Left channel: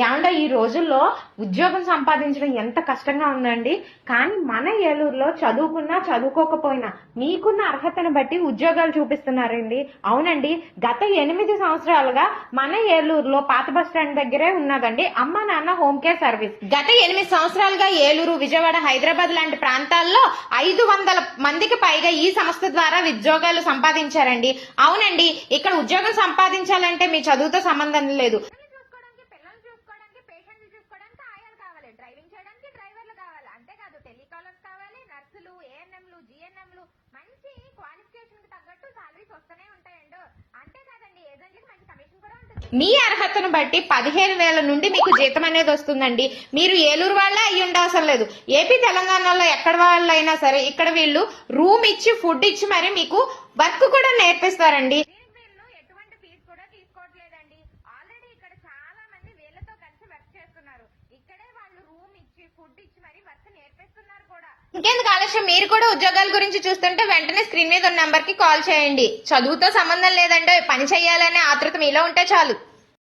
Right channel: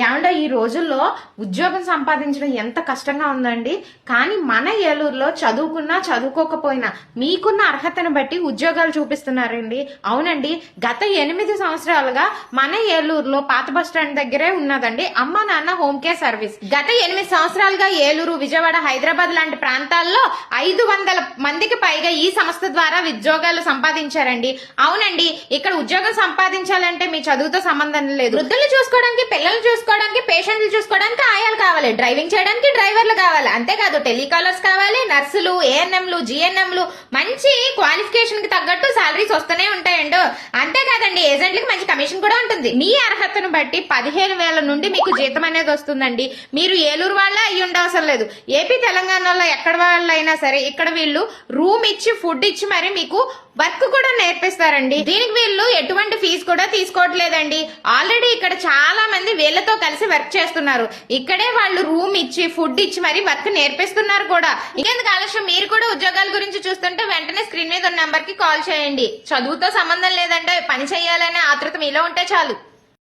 ఏమంటే ఈ రోజుల్లో ఉద్యోగం సంపాదించడం ఎంత కష్టంగా ఉందండి. కానీ మన ఏలూరులో చదువుకున్నా చదువుకోకపోయినా మీకున్న అర్హతను బట్టి ఉద్యోగాలు చూపిస్తున్నారండి. అవునండి, గత 8 సంవత్సరాలుగా మన ఏలూరులో పాత బస్ స్టాండ్ దగ్గరే ఉన్నదండి అమ్మ నాన్న హోమ్ కేర్ సర్వీస్. గత 8 సంవత్సరాలుగా ఏలూరు, విజయవాడ, హైదరాబాద్ లాంటి ప్రాంతాల్లో 500 మందికి పైగా ఈ సంస్థ ద్వారా ఉద్యోగాలు సంపాదించారండి. అవునండి, ఇక్కడ ఉద్యోగం సంపాదించాలంటే మీ చదువుతో సంబంధం లేదు. వృద్ధులు చూసుకోవడానికి, పిల్లలు చూసుకోవడానికి, పేషెంట్లు చూసుకోవడానికి ఆయాలు కావాలి, డ్రైవింగ్ చేయడానికి డ్రైవర్లు కావాలి, అంతేకాదు టెలికాలర్స్ కావాలి, నర్సులు, ఏఎన్ఎంలు, జిఎన్ఎంలు, మంచి క్వాలిఫికేషన్ కి తగ్గట్టు సాలరీస్ వస్తూనే ఉంటాయండి. అంతేకాదండి, ఏజెంట్లకు మంచి కమిషన్ కూడా ఉంటుంది. మీ అర్హతను బట్టి 15,000 నుండి మీకు జీతం అనేది వస్తుందండి. మీరు ఏలూరు వాళ్ళ అయ్యి ఉండవసరం లేదు. ఏపీ తెలంగాణలో ఎక్కడ వాళ్ళైనా సరే ఇక్కడ వీళ్ళు రూమ్ ఇచ్చి, ఫుడ్ ఇచ్చి మరి మీకు వర్క్ కూడా నేర్పిస్తారండి. దీనికి వీళ్ళు ఎటువంటి ఫీజు కూడా తీసుకోవట్లేదండి. ఆల్రెడీ ఇక్కడ చాలా మంది వీళ్ళతో కలిసి వర్క్ చేస్తున్నారు. ఇక్కడే వాళ్ళు రూమ్ ఇచ్చి, ఫుడ్ ఇచ్చి మరి వర్క్ నేర్పిస్తున్నారు కూడా. ఇంకెందుకు ఆలస్యం, మీరు కూడా ఉద్యోగాల గురించి చూస్తుంటే వెంటనే స్క్రీన్ మీద ఉన్న నంబర్ కి కాల్ చేయండి. చదువుతో సంబంధం లేదంటే పని చేయాలనే ఆతృత మీలో ఉంటే చాలు.